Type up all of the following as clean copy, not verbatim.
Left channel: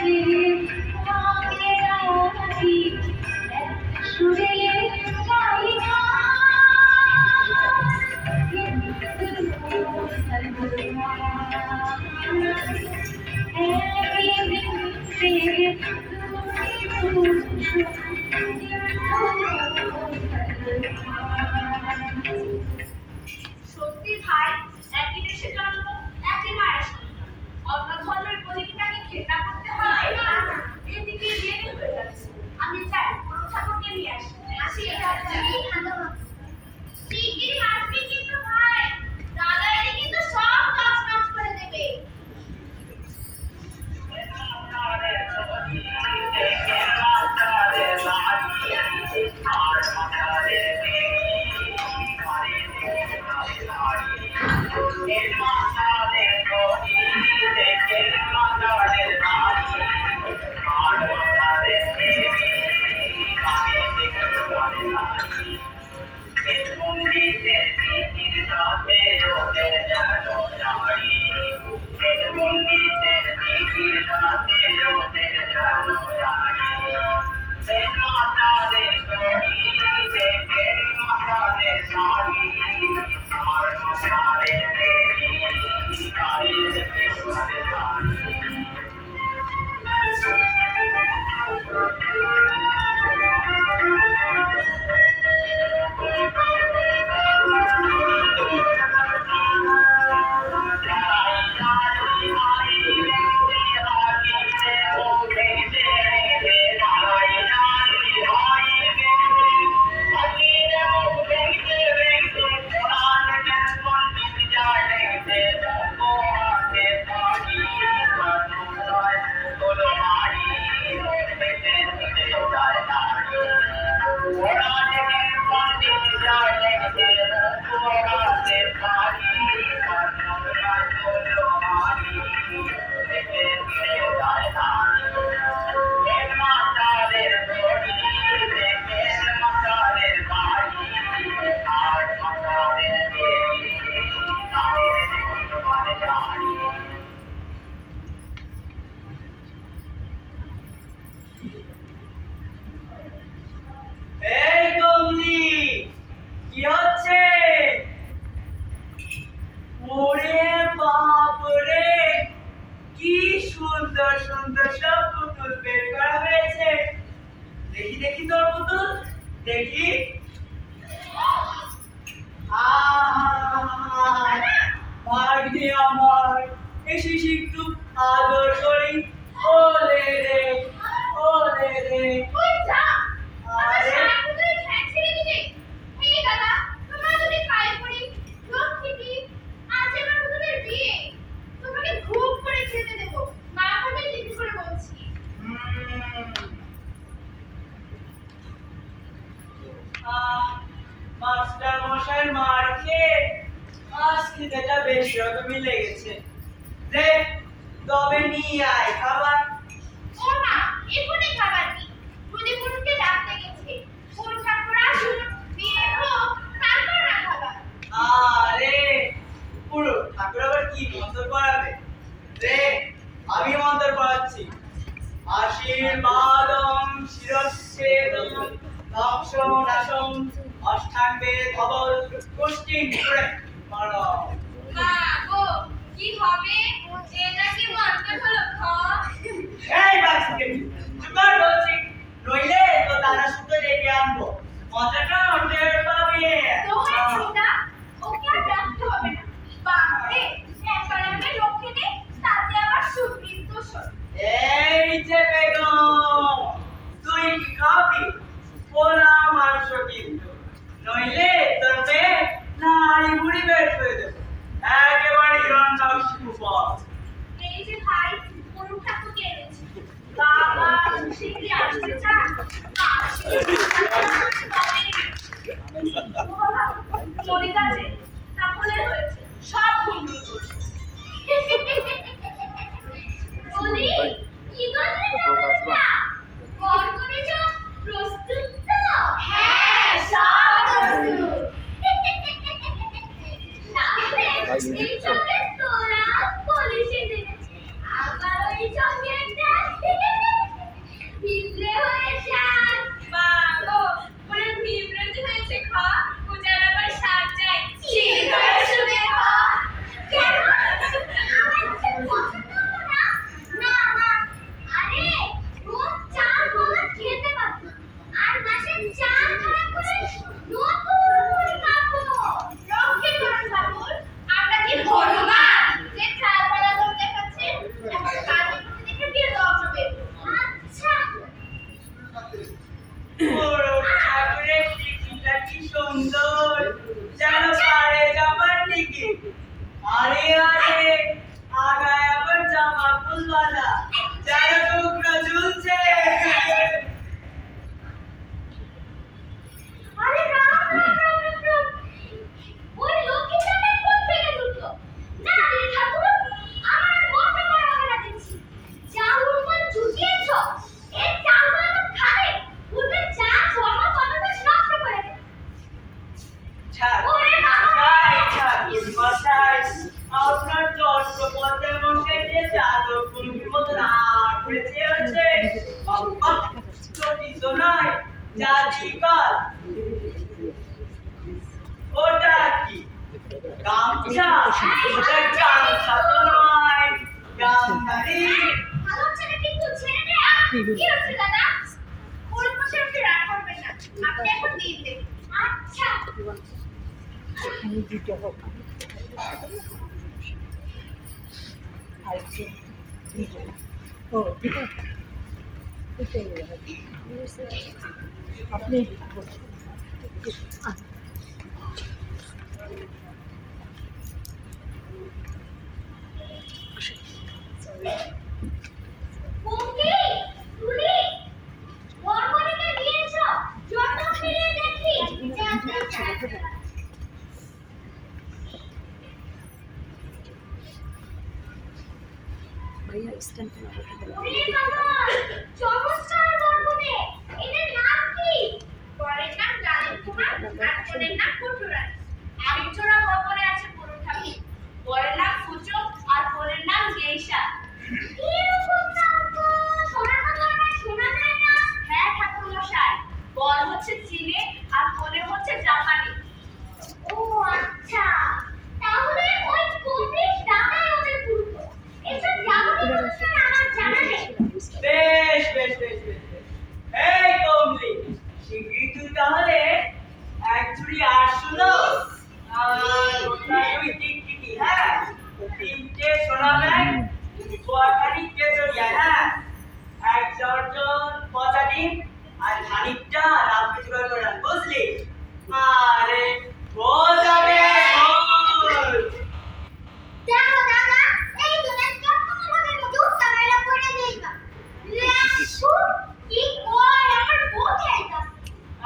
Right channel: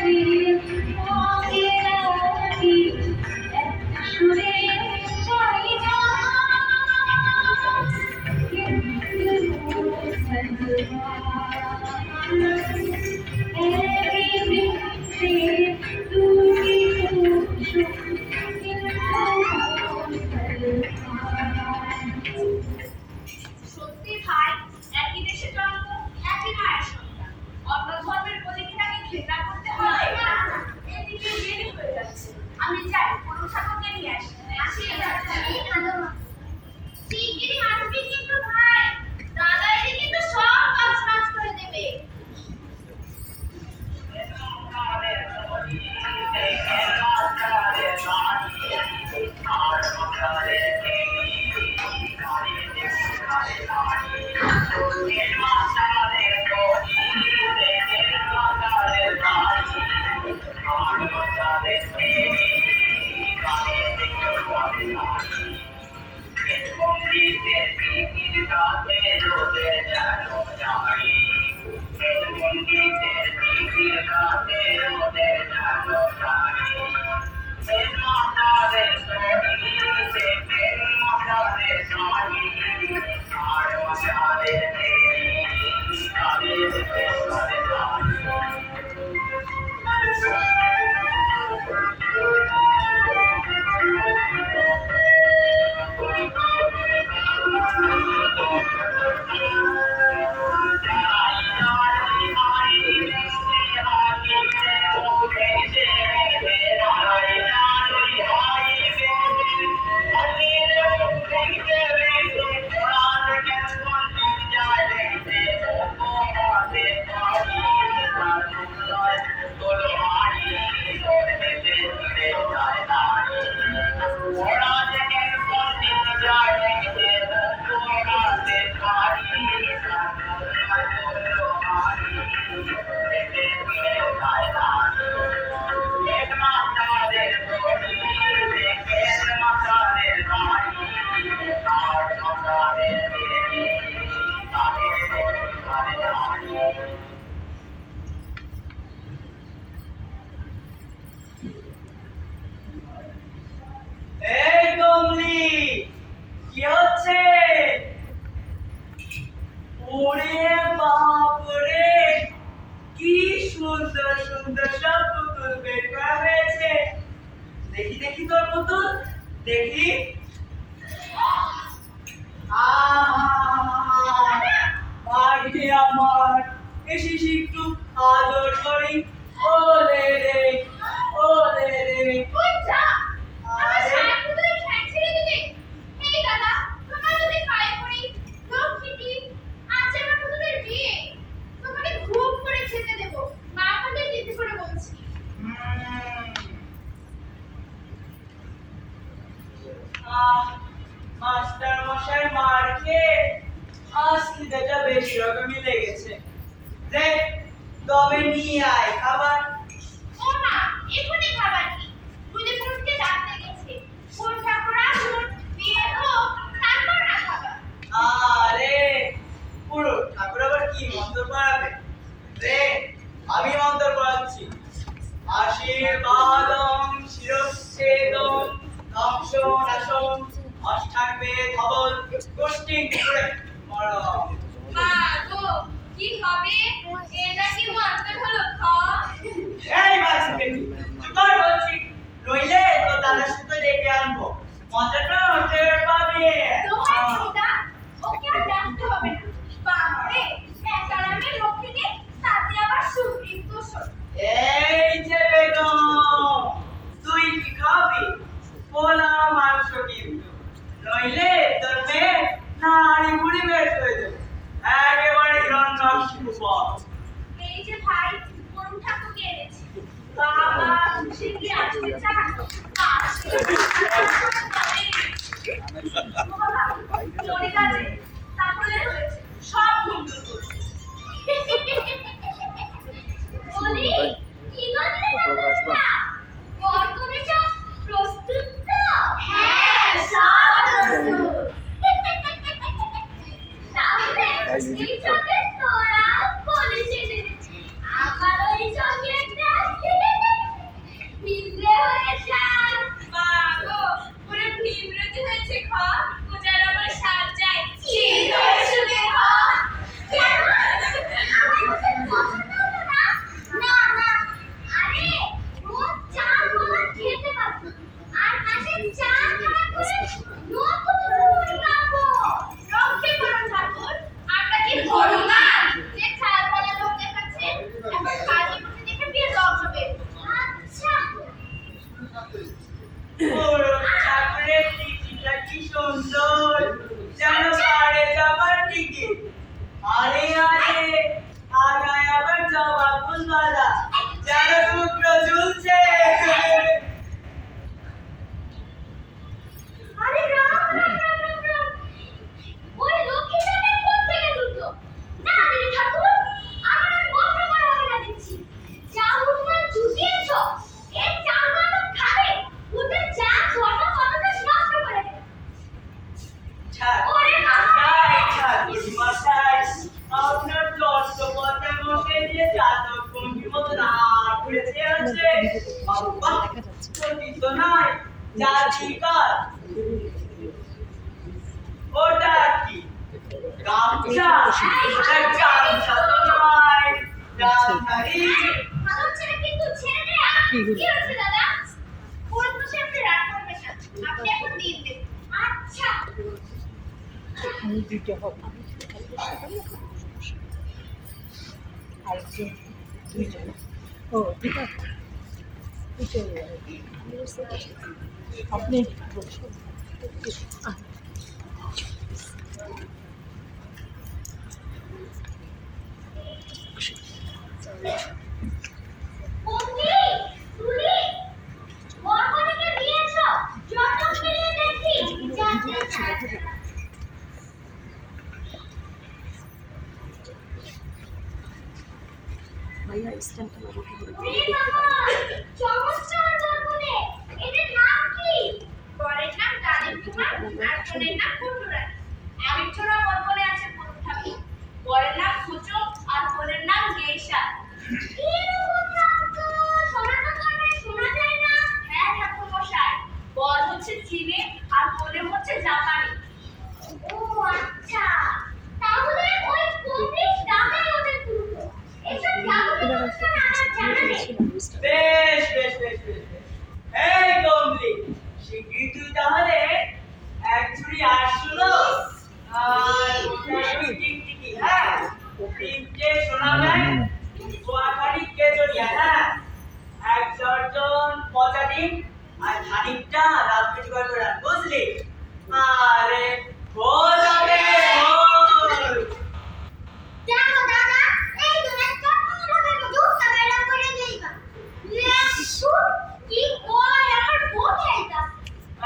সত্যি ভাই, একই দেশে জন্ম, একই মায়ের সন্তান, অন্য ধর্মের বলে কি তাকে ঘৃণা করতে হবে? এদিকে দেরি হয়ে যাচ্ছে, আমি যাই কোনো ঠাকুরকে নিয়ে আসি। শিগগিরই আসবি কিন্তু ভাই, দাদা এলে কিন্তু সব কাজ কাজ করে দেবে। এই কমলি, কি হচ্ছে? ওরে বাপ রে, কি সুন্দর সুন্দর সব পুতুল বের করা হয়েছে। দেখি দেখি তোর পুতুল, দেখি। ভাগ্যে আমার, এসিস একটু আদর করি। ওলে রে, ওলে রে। তুই যা, আমার সারা পুতুলের ঠ্যাং ছিঁড়ে দিলে। এই দাদা, তোমার যদি পায়ে পড়ি, লক্ষ্মীটি, আজ আমার পুতুলের বিয়ে, তোমাকে খুব করে খেতে দেবো, মা আমাদের দিদি করে বলছি। মাস্টার মশাই মার খেয়ে আজ খিদেটা বেশ রকমই লেগেছে। রে, তবে নিয়ে আয় খাবার। ও মা, এখনই খাবার কি? দুদি পুরুষকে ডাকতে গেছে। কোন ঠাকুর আসুন, বিয়ে হোক, তারপর না খাবার। আরে পুরো ঠাকুর আবার কি মন্ত্র পড়াবে? রে, আমি মন্ত্র পড়াচ্ছি। আশীর্বাদম শিরচ্ছেদম দংশন নাশম অষ্টাঙ্গে ধবল কোষ্ঠিং করে মারো। মা গো, কি হবে? এটা কি মন্ত্র হলো খ? এই বাচ্চাকে চুপ কর বলছি, নইলে তো দাদা সুতো ডেকে আনবো। মন্ত্রটা টের পাবি। দোহাই ছিদা, ওকে আর ডাকতে হবে না। বাপরে, একালামে লক্ষ্মীটি, তাতে আবার সুবৃত্ত স্বর। এই যে বেগম, তুই কি খাবি? পোলা মাংস কিন্তু, নইলে তোর মেয়ে নাড়ি বুড়ি বের করে দেবো। একেবারে হিরণ্যকশিপু। এই যে ভাই, করুণ ঠাকুরকে এনেছি। বাবা, সে কি আসতে চান? আসলে বাবা, চলে গেছে, তাহলে হয়েছে, সব ভুল করছে। বলি, কি করলে না? বরকনেটা প্রস্তুত তো? হ্যাঁ, সব প্রস্তুত। তাহলে এই চকলেট তোরা বলিস এনেছি। আবার ওই সঙ্গে একটা জাতিকল ওটা কি গামছা ওটা গামছা তো নয় গামছারি ভালো ছেলে কিন্তু ছেড়ে দে কি হচ্ছে দাদা পুরো মাসে আপনি রাগ করবেন না আপনি এখন দিন দেন আচ্ছা আমি দিতে হবে আরেকজন দুইজন ও ঠিক আছে আপনি বলছেন পঙ্কি তুলি বর্মনিকে দিয়েছো যত মিলিয়ে দেখি যাতে ভাইয়া স্ট্যান্ড কেন করতে হবে এই বাবা চমৎকার বর্মনে এদের নাম কি বরের নাম গালিব কুমার আর কনের নাম কুটুরা আবিচ্ছরা বর্মনে আছে পুরুষ ঠাকুর বরের নাম সূচক আর কনের নাম গেইসা এরকম নাম তো সনাতন শোনা যায় না হ্যাঁ ঠাকুর মশাই বর হচ্ছে চীনে আর কনে হচ্ছে জাপানি ও আচ্ছা তাহলে ওই পঁচিশ দামে ওদের পুরো এসব যাবতীয় অনুষ্ঠান আমার জানা নেই বেশ বেশ বেশ বেশ বেশ। এই কমলি শিগগিরই তুই তাহলে এক ঝুড়ি আটশোলো আর ওটা দুই টিকটিকি হ্যাঁ তিনটে সোনা ব্যাগ গোয়াখানি কেজরিয়া হ্যাঁ এক দর্জন পচা ডিম আর খানিকটা রাত জোগাড় করে আন বুঝলি আরে বল হবে বল দেখো দাদা এই তুমি চটপট লোকের মধ্যে উত্তর বাইরে করে দেইবা লেখু কি কয় আমার বউ খাইতা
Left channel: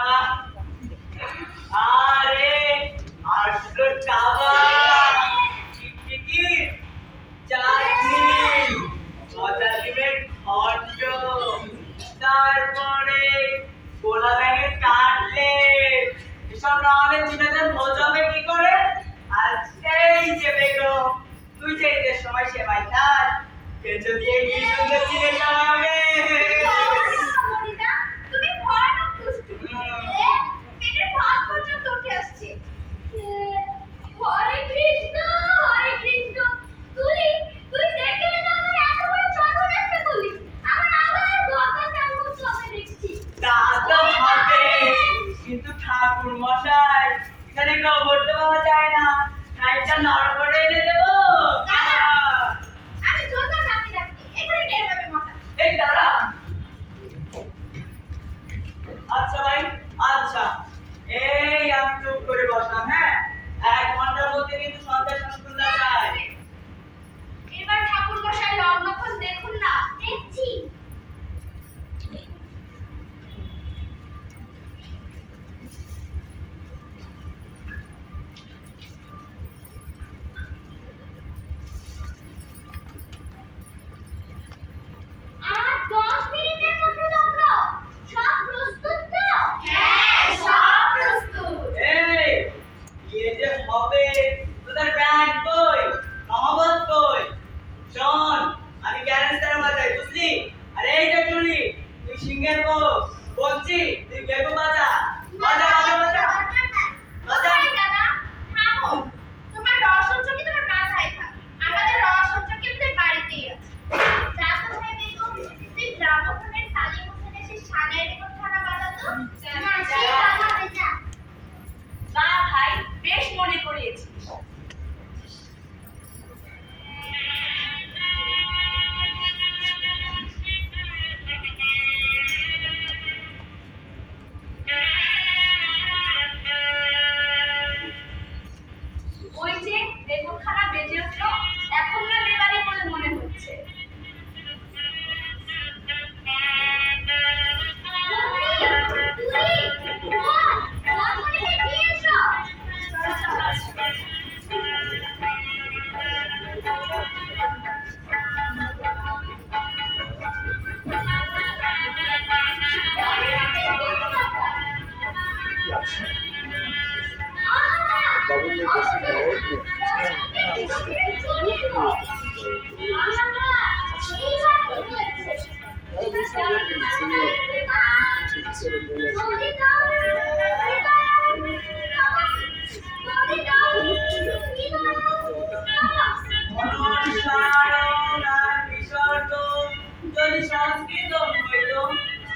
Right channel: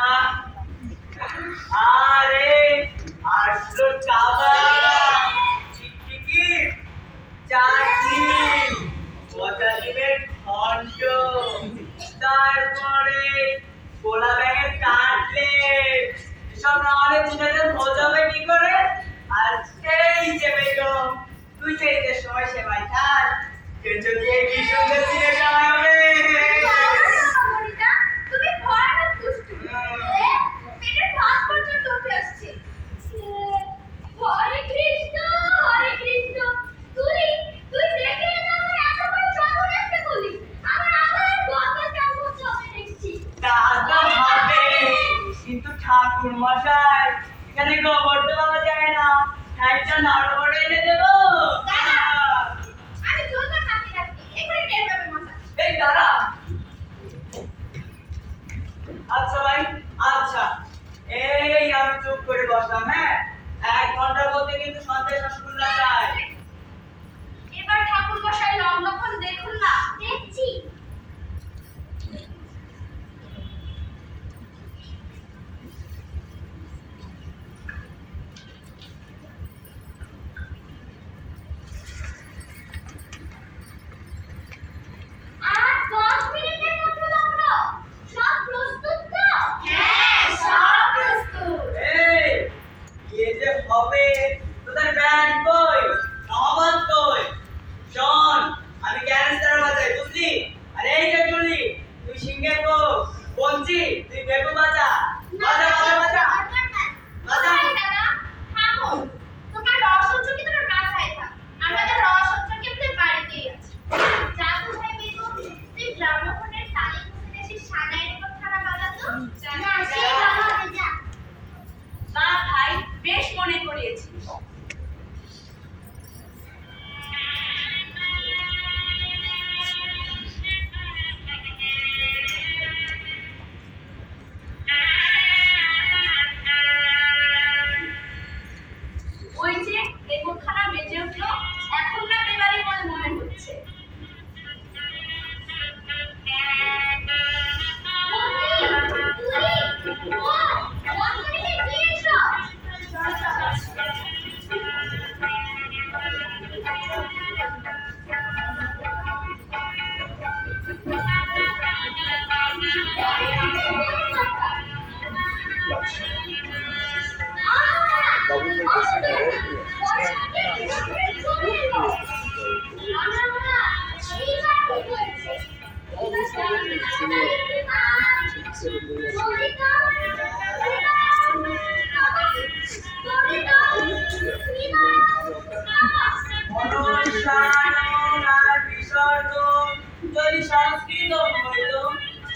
আহ, আরে আটশো টাকা টিকটিকি চাটনি পচা ডিমের ঘন্ট তারপরে গোলা ব্যাগের কাটলেট এসব না হলে চিনাদের বোঝাবে কি করে আর এই যে বেগম তুই যে ঈদের সময় সেমাই খাস কেঁচো দিয়ে কি সুন্দর চিনে খাওয়াবে মনিতা তুমি ভয়ানক দুষ্টু পেটের ভাত পর্যন্ত উঠে আসছে হরে কৃষ্ণ তুই দেখে না আমার এত বড় চাদর একটা করলি আমার আবার গঙ্গা চান করতে হবে দেখছি তা তো হবে কিন্তু ঠাকুর মশাই এখানে গোবর তো পাওয়া যায় না খাইটা নাড়ু করে এনে দেবো আমি জোরদার নামতে যাচ্ছি এখানে টের পাবে মাথা এই দাঁড়া আচ্ছা ভাই আচ্ছা এই আমি চুপ করে বসলাম হ্যাঁ 1 ঘন্টার মধ্যে কিন্তু সন্ধ্যায় রসগোল্লা চাই এবার ঠাকুর মশাই লক্ষণ দেখুন না দেখছি আর 10 মিনিটের মধ্যে লগ্ন সব প্রস্তুত তো হ্যাঁ সব প্রস্তুত এই বিয়ে যে হবে তোদের ব্যান্ড কই নহবত কই শোন আমি গ্যারেন্টার বাজাই বুঝলি আর এই যে চুলি তুই সিংহের বউ বলছি তুই বেগু বাজা বাজা বাজা বাজা বাজা দাদা থামো তোমার রসঞ্চ কি তোমার মাথায় থাক আমাদের রসঞ্চ কি আমাদের বাড়িতেই আছে যা তো ভাই বেগম তুই গ্রামোফোনের তালি মুখে এসে সানাইয়ের উপর থানা বাজাতো না সেই বাজাবে যা বা ভাই বেশ মনে করিয়েছিস ওই যে বেগুনখানা বেজে উঠলো এখন না বিবাড়ি বলে মনে হচ্ছে এইবার জলদি দাও জলদি দাও অনুসারণ আর বিসর্জন যদি সংস্কৃত হইত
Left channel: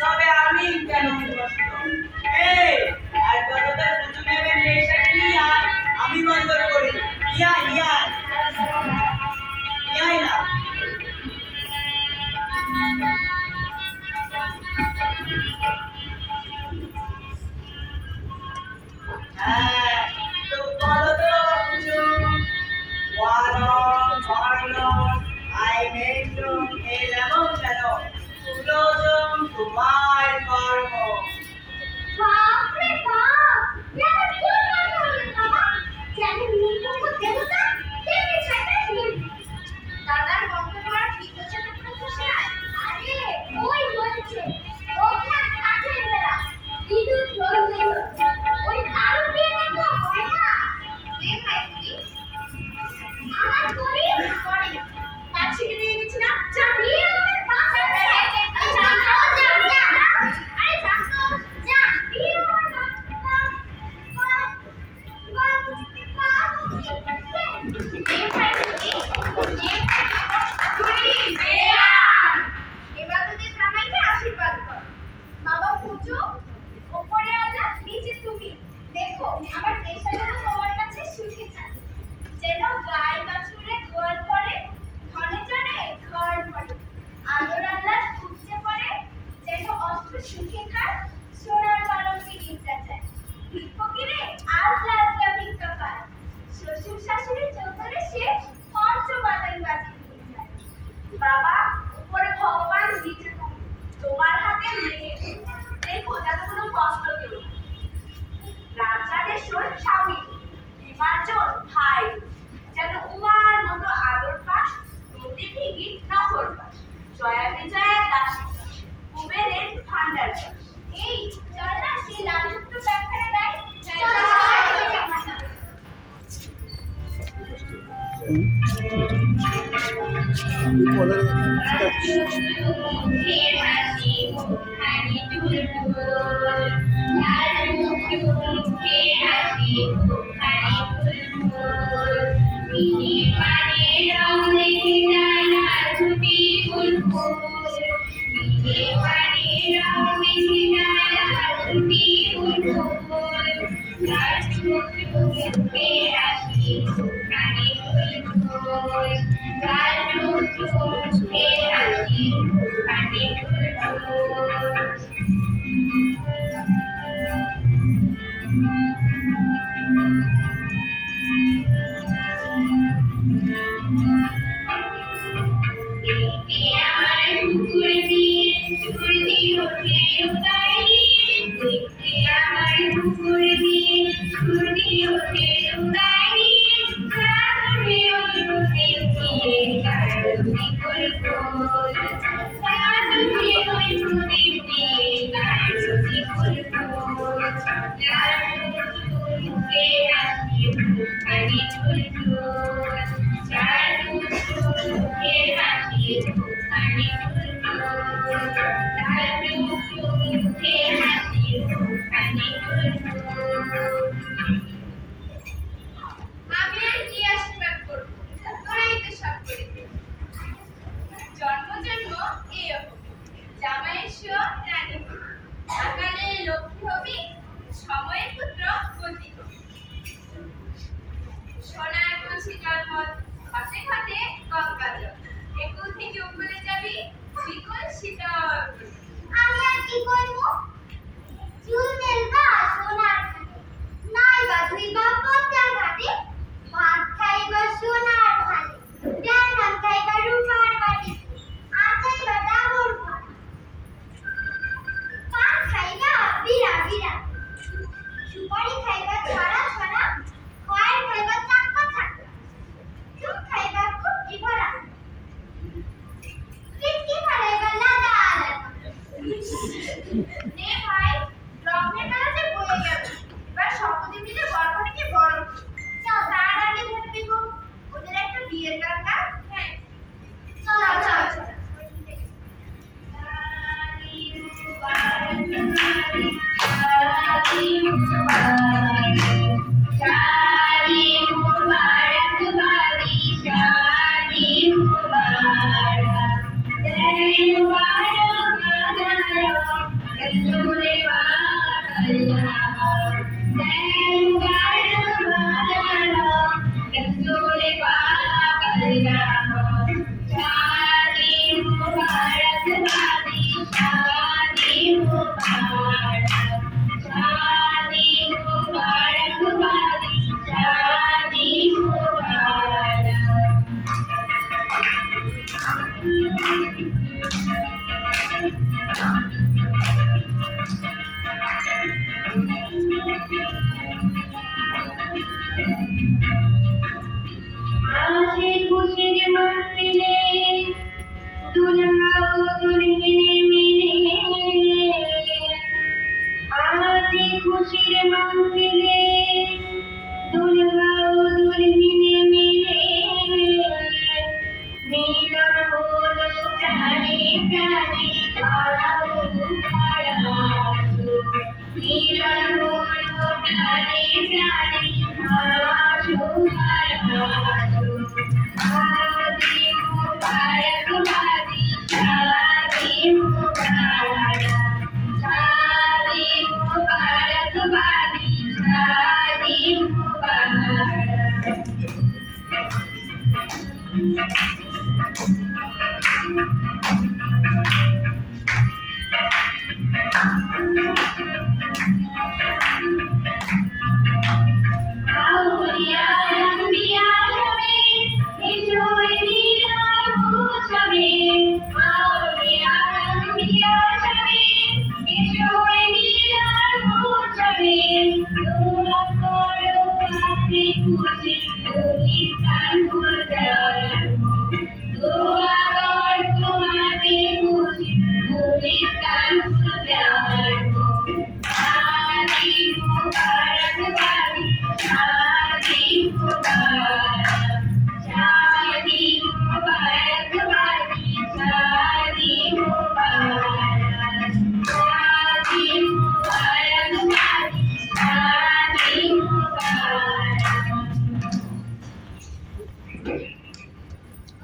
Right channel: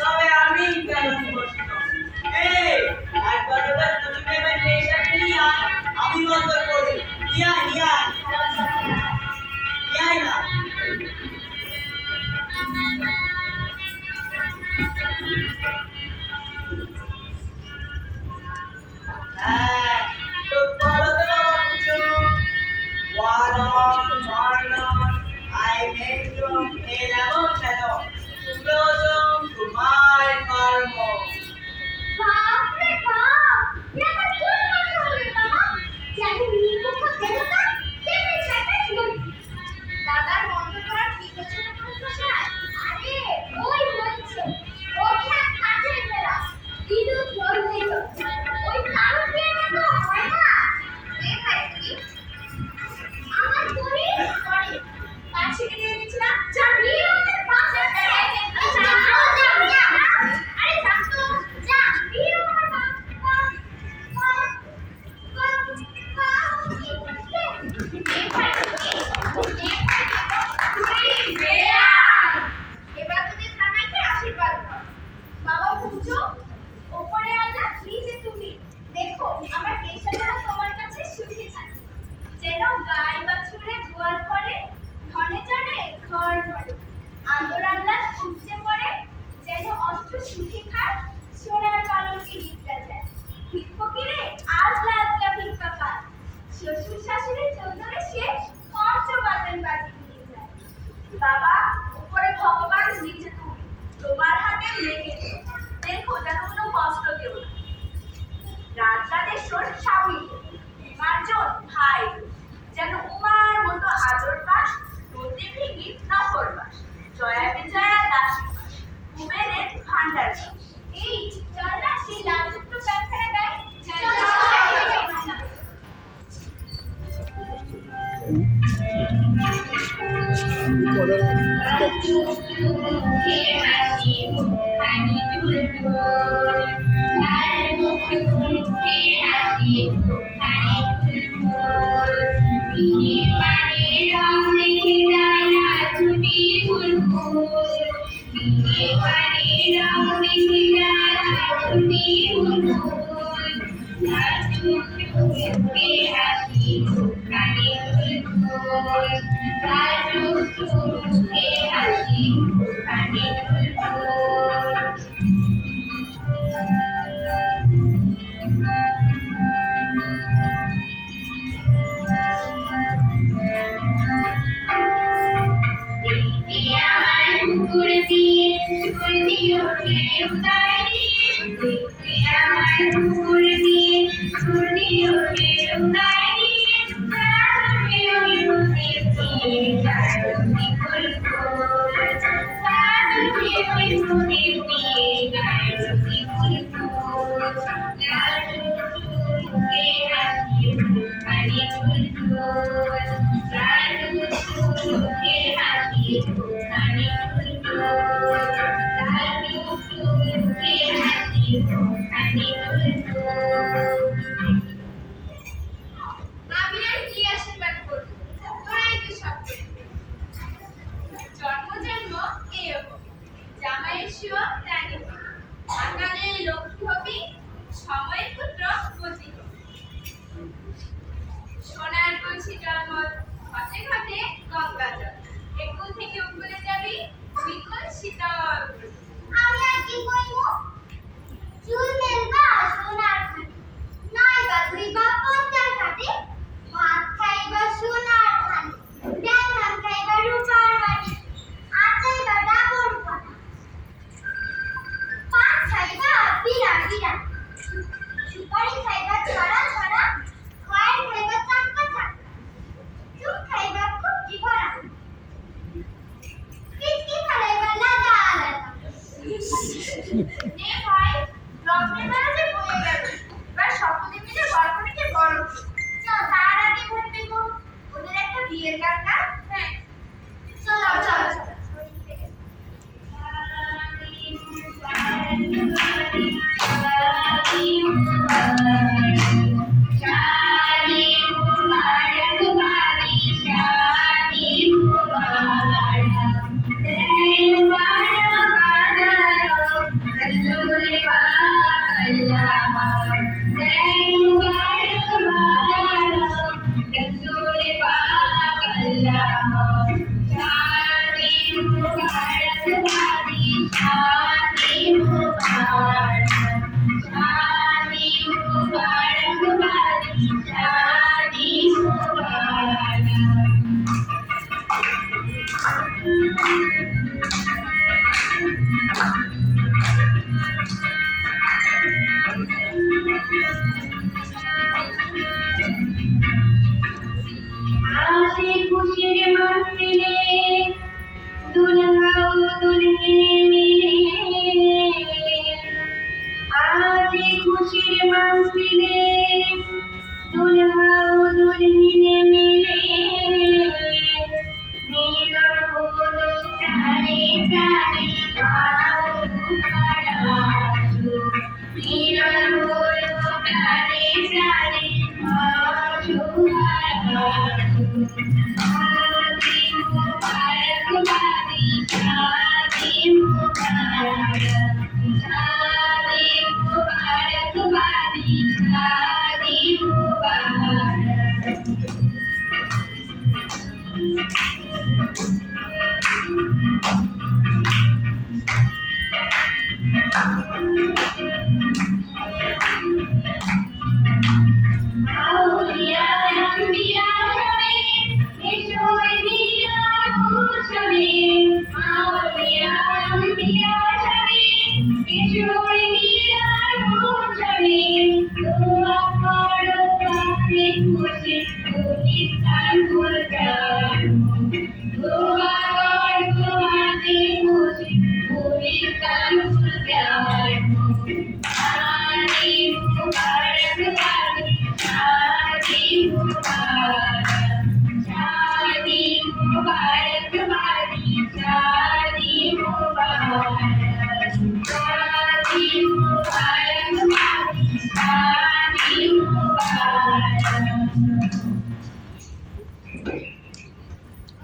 তবে আমি কেন উপস্থিত? এই আর কতটা সুযোগ নেবেন নেশাকে নিয়ে আমি বন্ধ করি ইয়াই না হ্যাঁ তো বলো তো অর্জুন ওয়ারণ বর্ণন আই মেন্টন এর এমন কেন সুপ্রযোজন তোমার কর্ম বাপরে বাপ এটা কি কথা হলো বাবা জানি নির্মুখ দেবতা কেন ছাটা শুন দাদার বন্ধ করা ঠিক হচ্ছে না তো স্যার আরে ওই হচ্ছে ওকে আর কাছে ফেরা বিদ্যুৎ জ্বলছে ওই তার দিয়ে তো হয় না দেখাই কি আমার করি করে পাছিকে দিয়ে দিচ্ছি না যা নিয়ে ওদের পাশে আরে যা তো যা নিয়ে ওদের এবার তোদের জামাইকে আশীর্বাদ কর বাবা পুজো ওপরে আল্লাহ নিচে তুমি দেখো আমার কেশা যেন তোমার কাছে সুখে থাকে যেন গায়ে বাছুরে গোয়াল করে ধনে জনে ঘর ভরে আদর আল্লাহ সূর্যে পড়ে যেন অস্ত্র সুখে খায় সোনার পালঙ্কে গিফটা যায় ফকিরে আজ লাজলা ভিক্ষা পায় শ্বশুর শাশুড়ি চৌধুরী সে পঞ্চ বাদন বাজি দিয়ে যায় বাবা উপরে ভগবান নিচে তুমি তোমার হাতে লেগে দেখো যেন কোনো কষ্ট কেউ না রাজরাজেশ্বর স্বামী বিমার্জন ভাই যেন উমার মতো আদর পাস নদী ভিগি নহর পাস জয়া বিজয়া দাসী পাস কুবেরের ভান্ডার পাস এই চল না সেই লাল সূত্র ব্যাখ্যাটা দেয় আমি আর কি আশীর্বাদ করব তোরাই তো সব করে দিবি। জন্ম জন্ম এরকম জামাইয়ের শিও রানী হবি আকালে লক্ষ্মী হবি সময়ের পুত্র গতি হবি সোনার কলসি জন্ম ঘটে ঘটে গঙ্গা জল একুল থেকে উকুলে যাবি বিকুল শীতল আমি আর কি করবো চুল মেলবা সোনার ঘাটে নাই বা ধুইবা পদ্মার ঘাটে ভাত খাইবা সোনার থালে ডাল খাইবা রূপার বাটি আচাইবা ডাবর পাতা পান খাইবা বিরা বিরা সুপারি খাইবা ছড়া ছড়া খয়ের খাইবা চাক্কা চাক্কা চুপ খাইবা খুবটি ভরা কিচকি খাইবা লাদা লাদা নে ভাই লগ্নের বেলা যে বয়ে গেল এবার সকলে মিলে গল্পটাকে বড় চল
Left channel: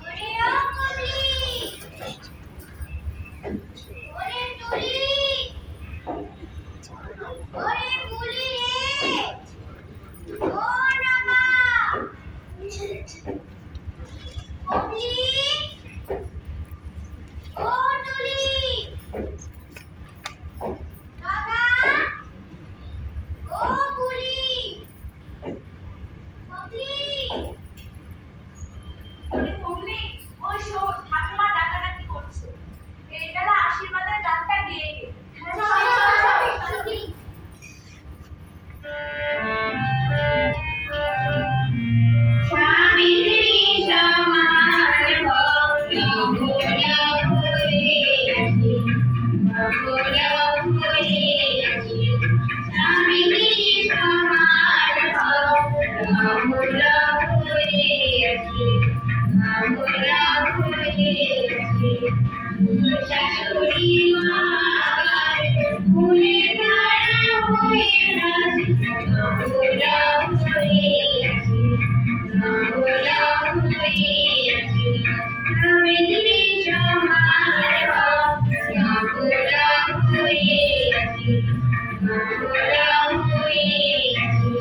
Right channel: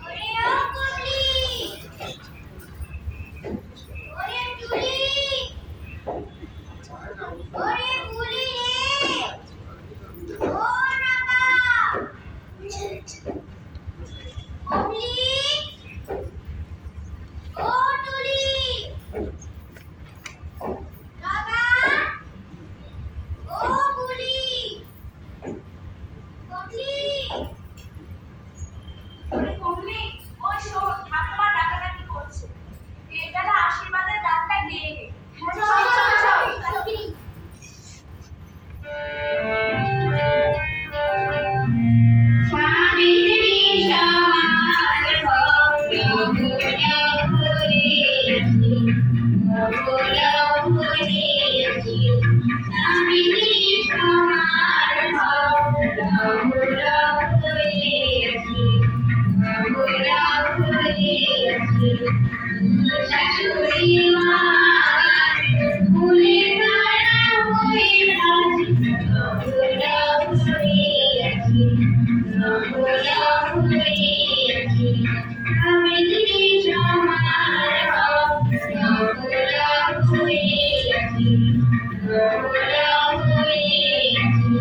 ওরে ও কুমলি, ওরে টুলি, ওরে বুলি রে, ও রামা, কুমলি, ও টুলি, দাদা, ও বুলি, কুমলি। ওরে কমলি, ওই শোন, ঠাকুমা ডাকাডাকি করছে। এটারা আশীর্বাদের গানটা গেয়ে গে। চল চল চল জলদি। সাবিত্রী সমান ভক্ত ভুজা ভুলিয়াছি, ভুজা ভুলিয়াছি। সাবিত্রী সমান ভক্ত ভুজা ভুলিয়াছি, ভুজা ভুলিয়াছি। শাশুড়ি মা ফুলের ধারা হইয়াছি, ভুজা ভুলিয়াছি, ভুজা ভুলিয়াছি। সাবিত্রী সমান ভক্ত ভুজা ভুলিয়াছি, ভুজা ভুলিয়াছি।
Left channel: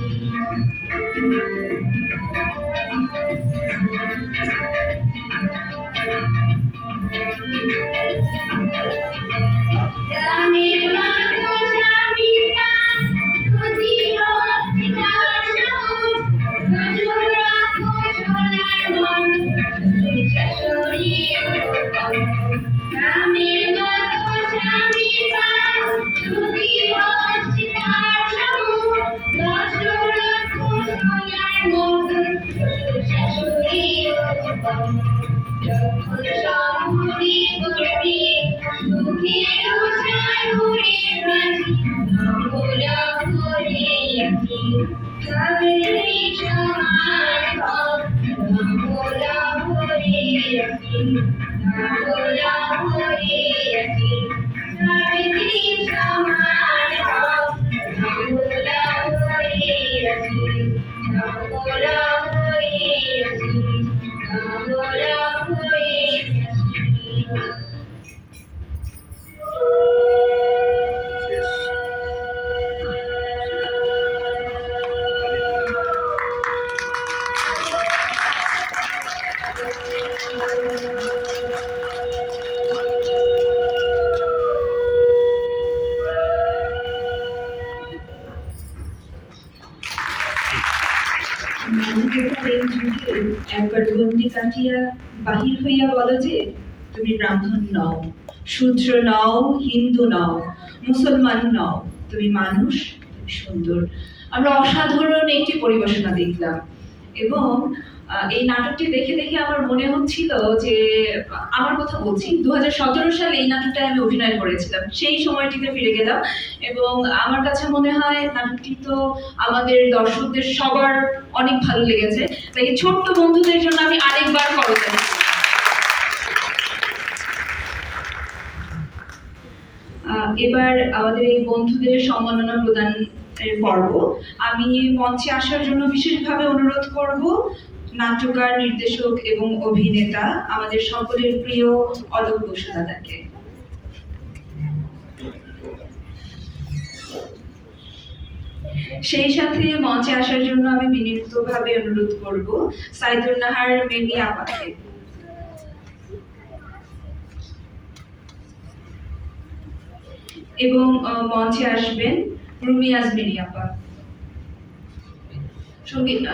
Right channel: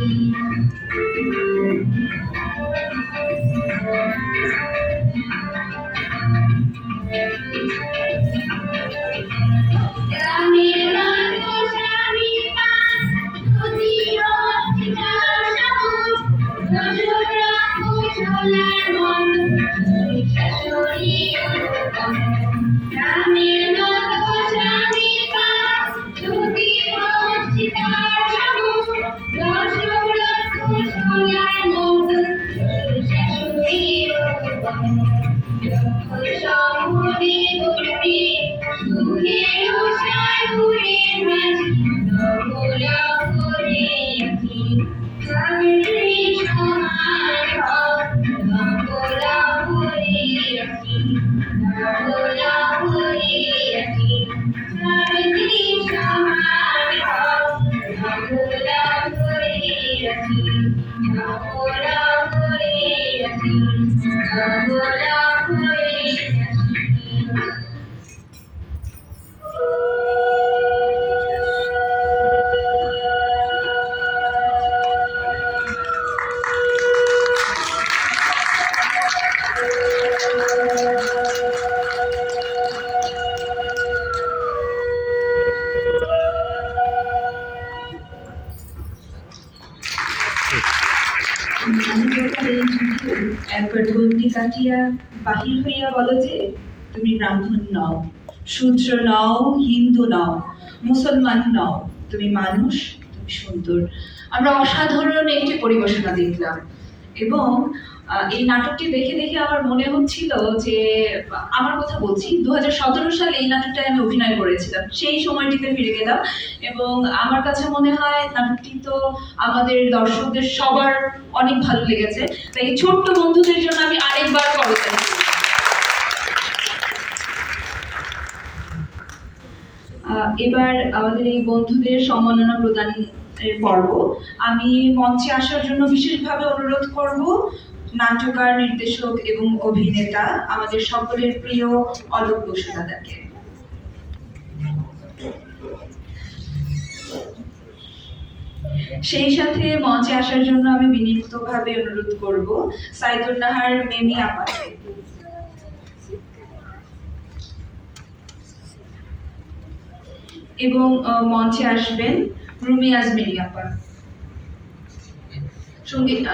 একবার বন্দি কাটিয়া বাহির হইয়া বলো যে তুমি ব্রাহ্মণ নও, শূদ্র নও, হিন্দু নও, মুসলমান নও, তুমি মানুষ, তুমি সুন্দর। আমরা অসাধারণ একটি পরিবেশনা দেখলাম এবং এই নাটকটি দেখে দেখে আমার মনে হচ্ছিল যে আমার কথা বলছি 2017 সালে এই নাটকটায় আমি অভিনয় করেছিলাম, সেই সময়টিতে ফিরে গেলাম এবং আমার কাছে মনে হয় নাটকটি তো আমাদের দর্শকদের সবার অনেক ভালো লেগেছে। তাই এই ছোট্ট বন্ধুদের জন্য আমি আরেকবার করতাম। এবার আমাদের এই বন্ধুদের সম্মাননা প্রদানের পর্ব। আমি মঞ্চে আসার জন্য বিশেষভাবে অনুরোধ করব নাট্যকার, নির্দেশক এবং অভিনেতা আমাদের সকলের প্রিয় অলোক বসুদাদাকে। সেই সাথে মঞ্চে আসার জন্য আমি বিনীতভাবে অনুরোধ করব সাইদুল নাহার মেমি আপাকে। এবং মঞ্চে আসবেন রুমি আজমেরি আপা। সঙ্গীত